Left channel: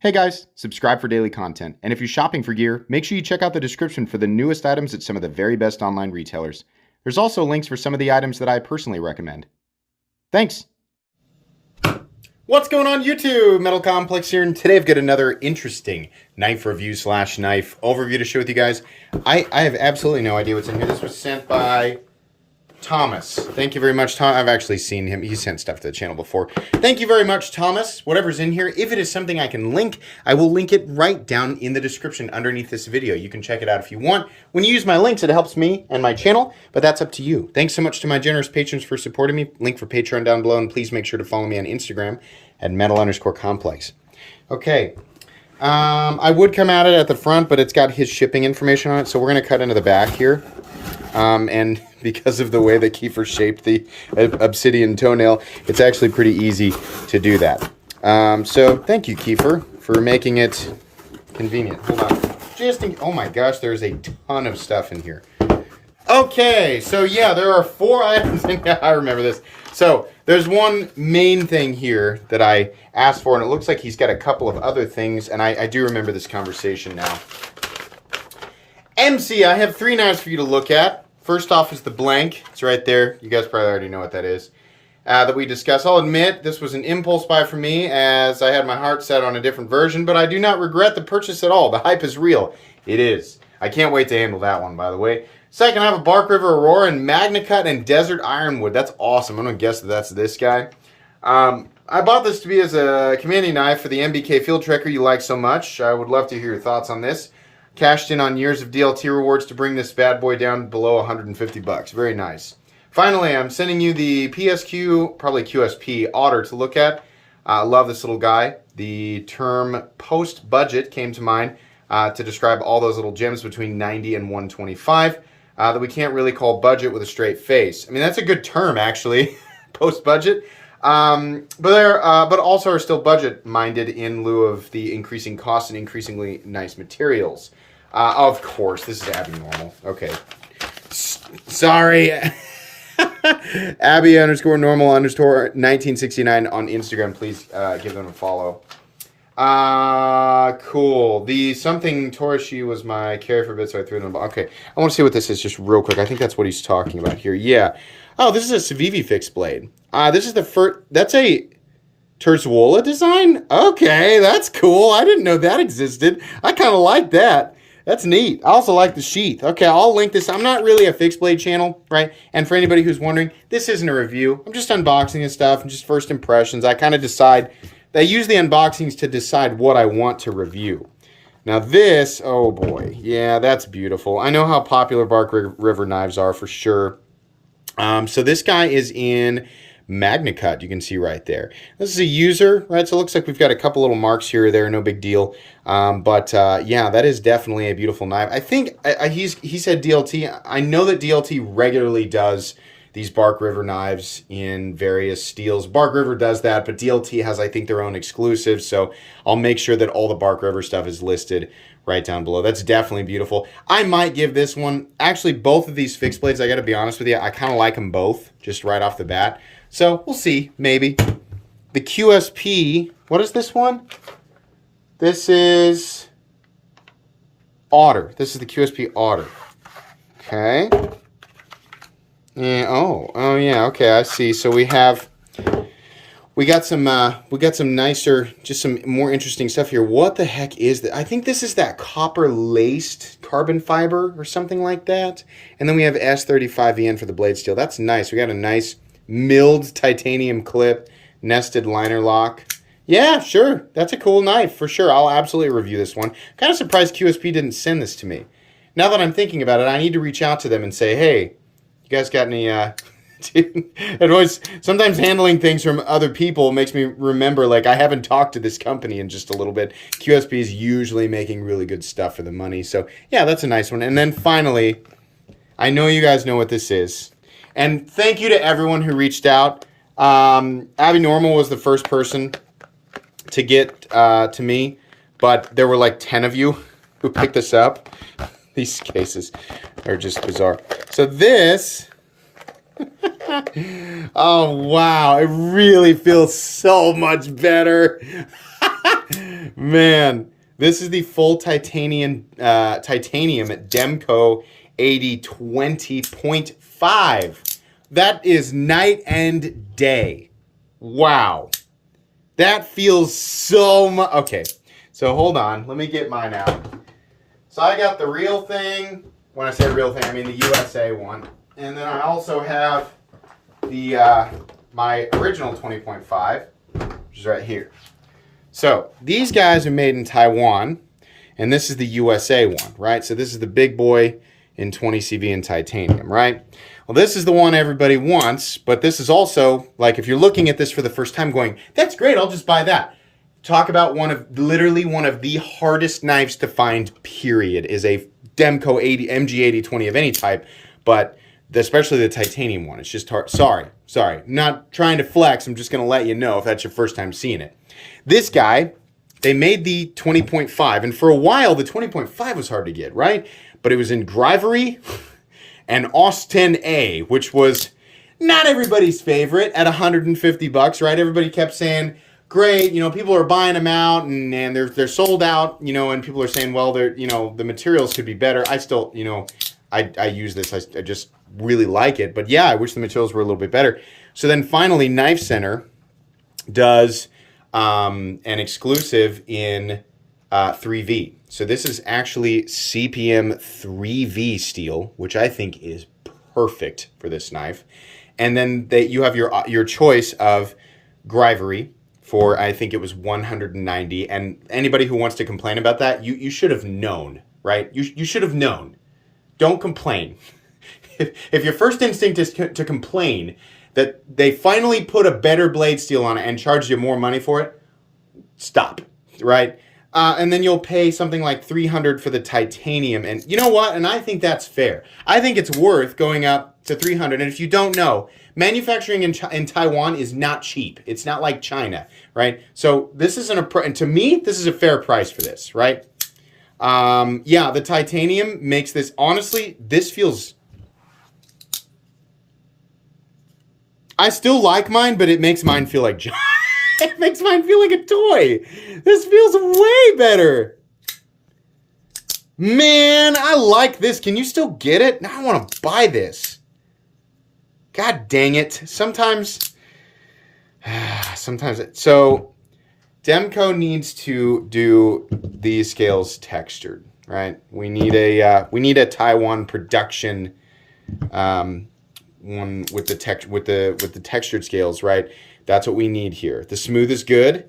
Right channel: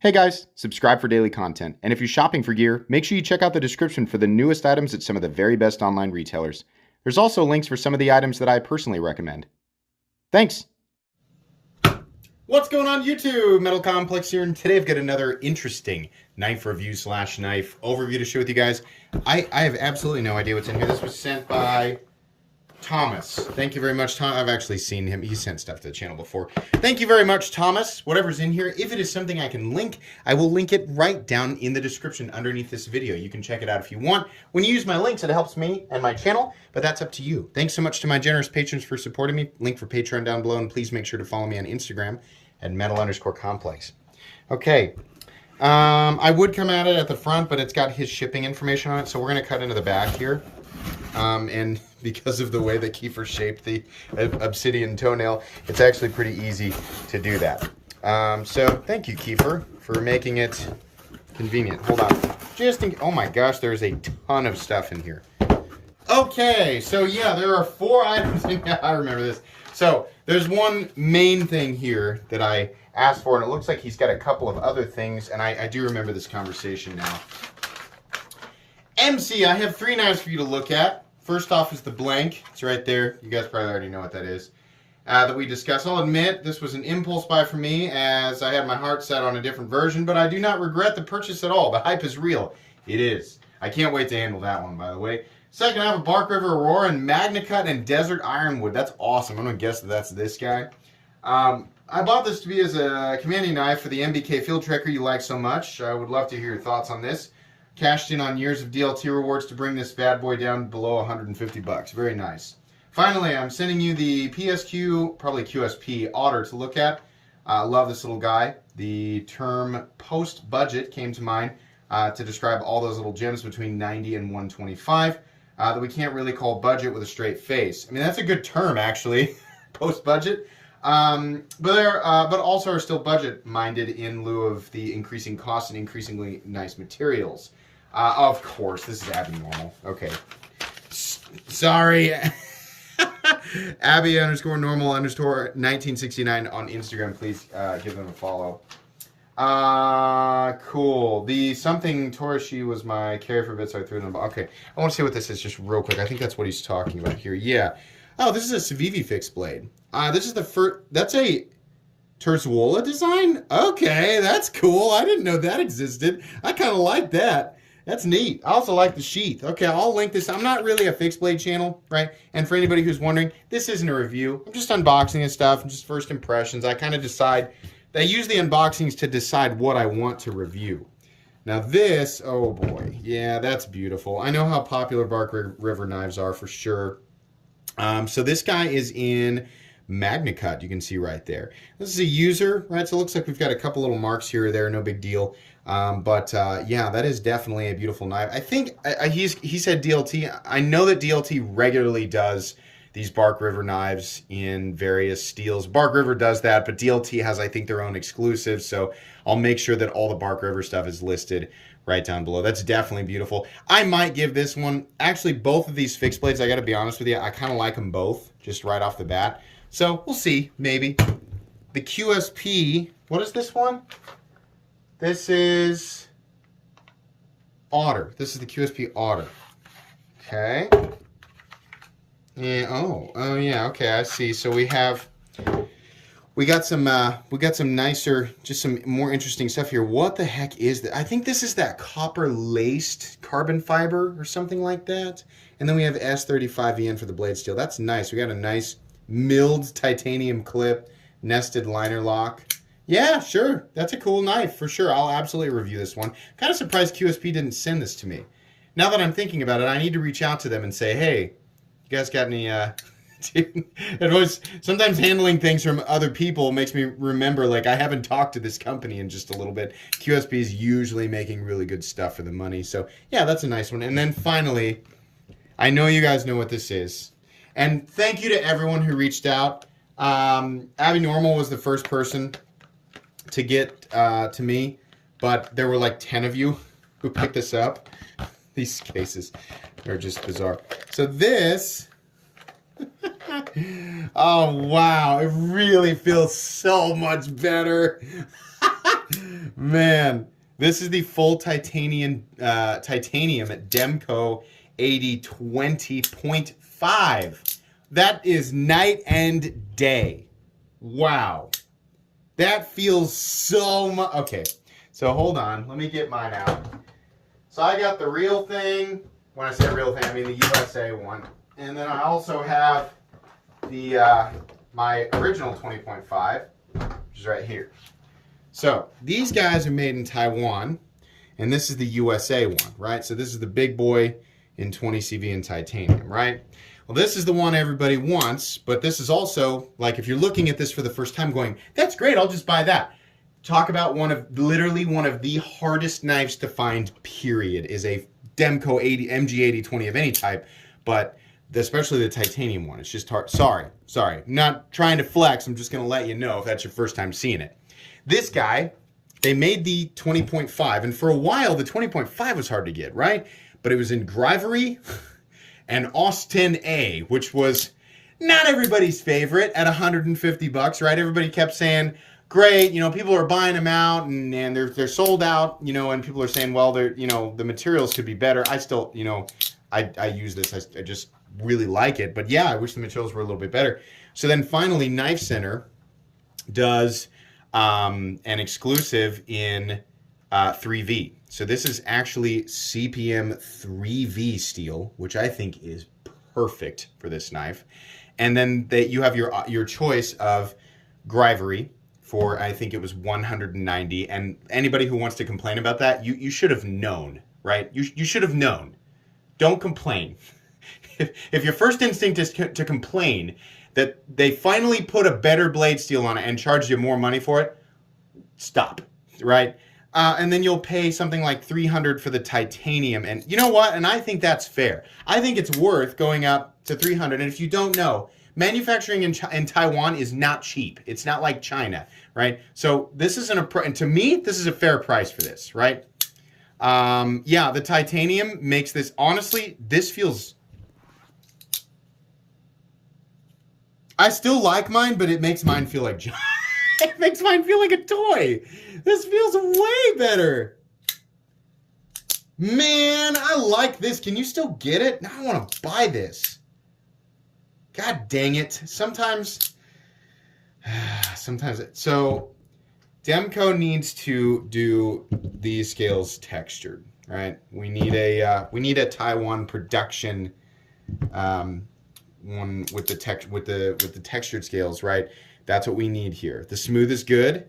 Hey guys, subscribe for daily content. And if you're shopping for gear, make sure you check out the description for the newest items at some of the very best online retailers. There's also links for some of the items that I personally recommend. Thanks! What's going on YouTube? Metal Complex here, and today I've got another interesting knife review / knife overview to share with you guys. I have absolutely no idea what's in here. This was sent by Thomas. Thank you very much, Tom. I've actually seen him. He sent stuff to the channel before. Thank you very much, Thomas. Whatever's in here, if it is something I can link, I will link it right down in the description underneath this video. You can check it out if you want. When you use my links, it helps me and my channel, but that's up to you. Thanks so much to my generous patrons for supporting me. Link for Patreon down below, and please make sure to follow me on Instagram at metal_complex. Okay. I would come at it at the front, but it's got his shipping information on it, so we're going to cut into the back here. And because of the way that Kiefer shaped the obsidian toenail, it's actually pretty easy to do that. So thank you, Kiefer, for making it convenient. Hold on. Oh my gosh, there's a ton of stuff in here. Okay, so yeah, there are 4 items in here. I remember this. So there's one main thing here that I asked for, and it looks like he's got a couple of other things, and I do remember this conversation now. MC, I have 3 knives for you to look at. First off is the blank. It's right there. You guys probably already know what that is. That we discussed. I'll admit this was an impulse buy for me, as I had my heart set on a different version, but I do not regret the purchase at all. The hype is real. It is. I can't wait to handle that one, by the way. Second, I have a Bark River Aurora in Magna Cut and Desert Ironwood. That's awesome. I'm going to guess that that's this guy. I bought this to be as a commanding knife for the MBK Field Trekker you like so much. I would love to hear your thoughts on this. Cashed in on years of DLT rewards to bring this bad boy down below 150 bucks. Very nice. Finally, I'm sending you the PSQ, probably QSP, Otter to look at. I love this little guy. The term post-budget came to mind to describe all those little gems between 90 and 125 that we can't really call budget with a straight face. I mean, that's a good term, actually, post-budget. But also are still budget-minded in lieu of the increasing costs and increasingly nice materials. Of course, this is Abby Normal. Okay. Sorry. Abby_normal_1969 on Instagram. Please give them a follow. Cool. The something Torishi was my carry for a bit, so I threw it in. Okay. I want to see what this is just real quick. I think that's what he's talking about here. Yeah. Oh, this is a Civivi fixed blade. This is the first. That's a Terzuola design? Okay, that's cool. I didn't know that existed. I kind of like that. That's neat. I also like the sheath. Okay, I'll link this. I'm not really a fixed blade channel, right? And for anybody who's wondering, this isn't a review. I'm just unboxing and stuff and just first impressions. I kind of decide. I use the unboxings to decide what I want to review. Now this, oh boy. Yeah, that's beautiful. I know how popular Bark River knives are for sure. So this guy is in Magna Cut, you can see right there. This is a user, right? So it looks like we've got a couple little marks here or there, no big deal. Yeah, that is definitely a beautiful knife. I think he said DLT. I know that DLT regularly does these Bark River knives in various steels. Bark River does that, but DLT has, I think, their own exclusives. So I'll make sure that all the Bark River stuff is listed right down below. That's definitely beautiful. I might give this one, actually both of these fixed blades, I got to be honest with you, I kind of like them both just right off the bat. So we'll see, maybe. The QSP, what is this one? This is Otter. This is the QSP Otter. Okay. Yeah, oh yeah, okay, I see. So we got some nicer, just some more interesting stuff here. What the heck is that? I think this is that copper laced carbon fiber or something like that. And then we have S35VN for the blade steel. That's nice. We got a nice milled titanium clip, nested liner lock. Yeah, sure. That's a cool knife for sure. I'll absolutely review this one. Kind of surprised QSP didn't send this to me. Now that I'm thinking about it, I need to reach out to them and say, hey, you guys got any, it was sometimes handling things from other people makes me remember, like, I haven't talked to this company in just a little bit. QSP is usually making really good stuff for the money. So yeah, that's a nice one. And then finally, I know you guys know what this is. And thank you to everyone who reached out. Abby Normal was the first person to get to me, but there were like 10 of you who picked this up. These cases are just bizarre. So this, oh wow, it really feels so much better. Man, this is the full titanium at Demko 8020.5. That is night and day. Wow. That feels so much. Okay, so hold on. Let me get mine out. So I got the real thing. When I say real thing, I mean the USA one. And then I also have the my original 20.5, which is right here. So these guys are made in Taiwan, and this is the USA one, right? So this is the big boy in 20 CV in titanium, right? Well, this is the one everybody wants, but this is also, like, if you're looking at this for the first time going, that's great, I'll just buy that. Talk about literally one of the hardest knives to find, period, is a Demko MG8020 of any type, but especially the titanium one. It's just hard. Sorry. Not trying to flex. I'm just going to let you know if that's your first time seeing it. This guy, they made the 20.5, and for a while, the 20.5 was hard to get, right? But it was in Grivery and Austin A, which was not everybody's favorite at $150, right? Everybody kept saying, great, people are buying them out and they're sold out, and people are saying, well, they're, the materials could be better. I still, I use this. I just really like it. But yeah, I wish the materials were a little bit better. So then finally, Knife Center does an exclusive in 3V. So this is actually CPM 3V steel, which I think is perfect for this knife. And then you have your choice of Grivery for, I think it was 190. And anybody who wants to complain about that, you should have known, right? You should have known. Don't complain. If your first instinct is to complain that they finally put a better blade steel on it and charged you more money for it, stop, right? And then you'll pay something like $300 for the titanium. And you know what? And I think that's fair. I think it's worth going up to $300. And if you don't know, manufacturing in Taiwan is not cheap. It's not like China, right? So this isn't and to me, this is a fair price for this, right? Yeah, the titanium makes this, honestly, this feels, I still like mine, but it makes mine feel like it makes mine feel like a toy. This feels way better. Man, I like this. Can you still get it? Now I want to buy this. God dang it. Sometimes. So, Demko needs to do these scales textured, right? We need a Taiwan production one with the textured scales, right? That's what we need here. The smooth is good,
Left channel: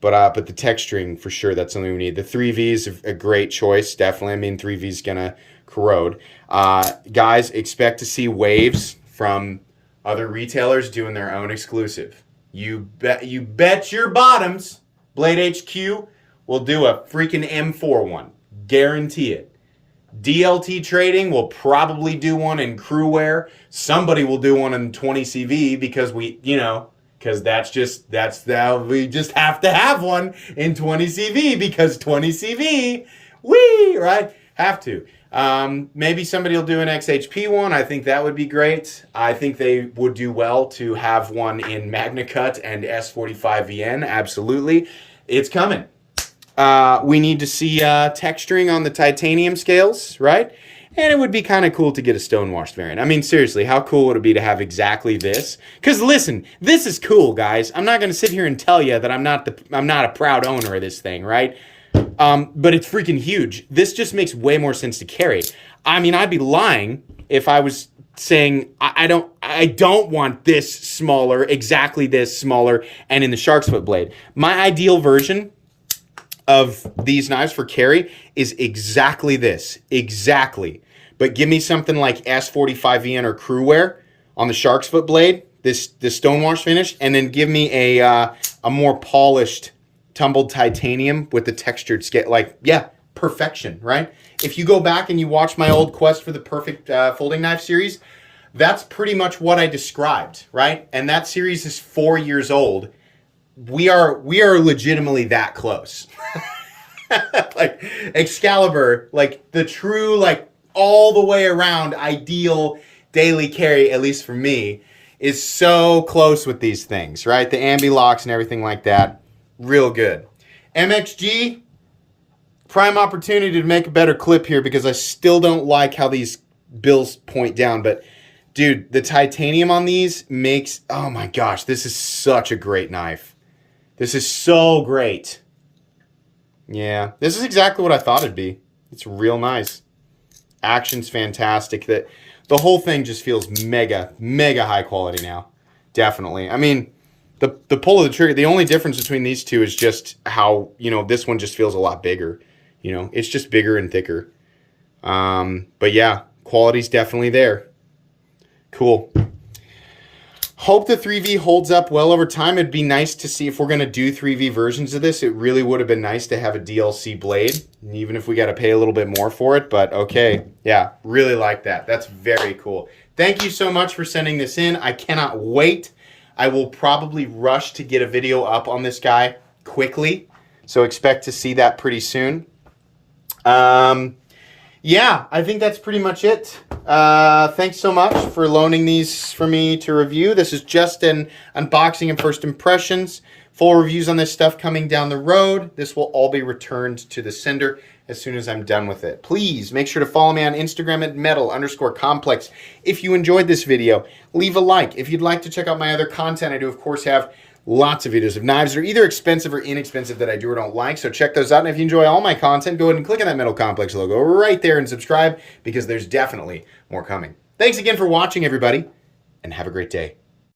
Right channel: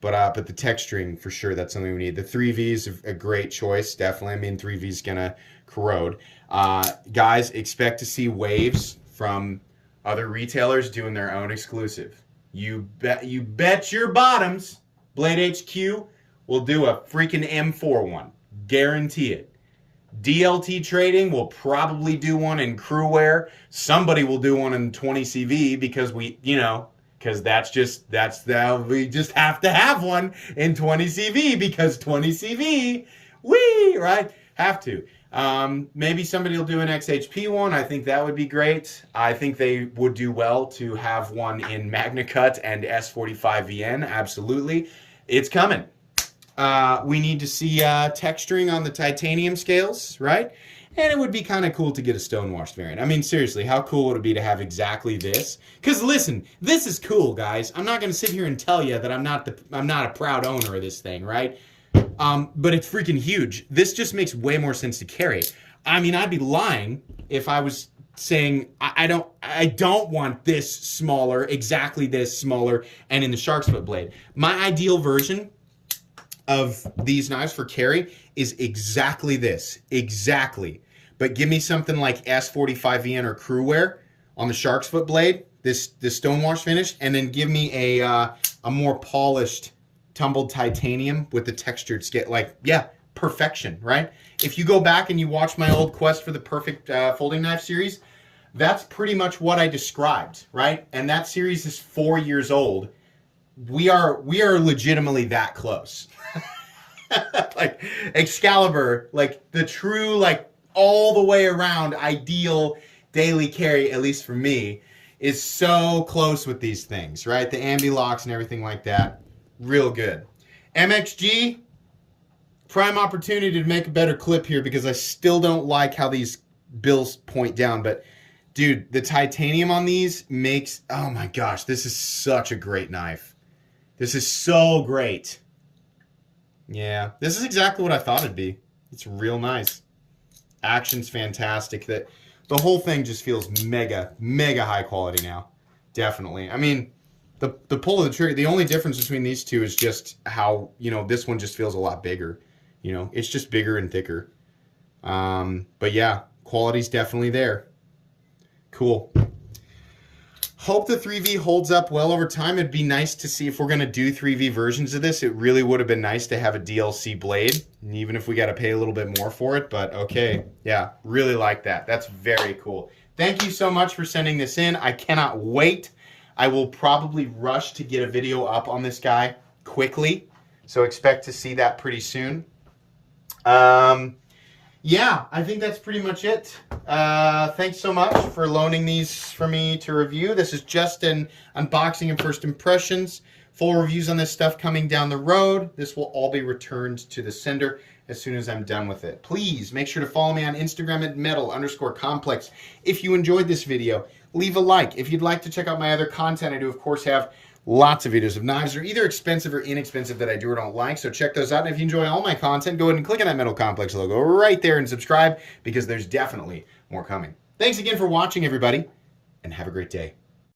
but the texturing for sure, that's something we need. The 3V is a great choice, definitely. I mean, 3V is gonna corrode. Guys, expect to see waves from other retailers doing their own exclusive. You bet your bottoms, Blade HQ will do a freaking M4 one. Guarantee it. DLT Trading will probably do one in crew wear. Somebody will do one in 20 CV because we just have to have one in 20 CV because 20 CV, right? Have to. Maybe somebody will do an XHP one. I think that would be great. I think they would do well to have one in Magna Cut and S45VN. Absolutely. It's coming. We need to see texturing on the titanium scales, right? And it would be kind of cool to get a stonewashed variant. I mean, seriously, how cool would it be to have exactly this? Because listen, this is cool, guys. I'm not going to sit here and tell you that I'm not a proud owner of this thing, right? But it's freaking huge. This just makes way more sense to carry. I mean, I'd be lying if I was saying I don't want this smaller, exactly this smaller, and in the shark's foot blade. My ideal version of these knives for carry is exactly this. Exactly. But give me something like S45VN or crew wear on the shark's foot blade, this stonewash finish, and then give me a more polished tumbled titanium with the textured scale. Like, yeah, perfection, right? If you go back and you watch my old quest for the perfect folding knife series, that's pretty much what I described, right? And that series is 4 years old. We are legitimately that close. Like Excalibur, like the true, like all the way around ideal daily carry, at least for me, is so close with these things, right? The ambi locks and everything like that, real good. MXG, prime opportunity to make a better clip here because I still don't like how these bills point down. But, dude, the titanium on these makes... Oh, my gosh. This is such a great knife. This is so great. Yeah. This is exactly what I thought it'd be. It's real nice. Action's fantastic. The whole thing just feels mega, mega high quality now. Definitely. I mean, the pull of the trigger, the only difference between these two is just how, you know, this one just feels a lot bigger. You know, it's just bigger and thicker. But yeah, quality's definitely there. Cool. Hope the 3V holds up well over time. It'd be nice to see if we're going to do 3V versions of this. It really would have been nice to have a DLC blade, even if we got to pay a little bit more for it. But okay, yeah, really like that. That's very cool. Thank you so much for sending this in. I cannot wait. I will probably rush to get a video up on this guy quickly, so expect to see that pretty soon. Yeah, I think that's pretty much it. Thanks so much for loaning these for me to review. This is just an unboxing and first impressions. Full reviews on this stuff coming down the road. This will all be returned to the sender as soon as I'm done with it. Please make sure to follow me on Instagram at metal_complex. If you enjoyed this video, leave a like. If you'd like to check out my other content, I do, of course, have lots of videos of knives that are either expensive or inexpensive that I do or don't like, so check those out. And if you enjoy all my content, go ahead and click on that Metal Complex logo right there and subscribe, because there's definitely more coming. Thanks again for watching, everybody, and have a great day.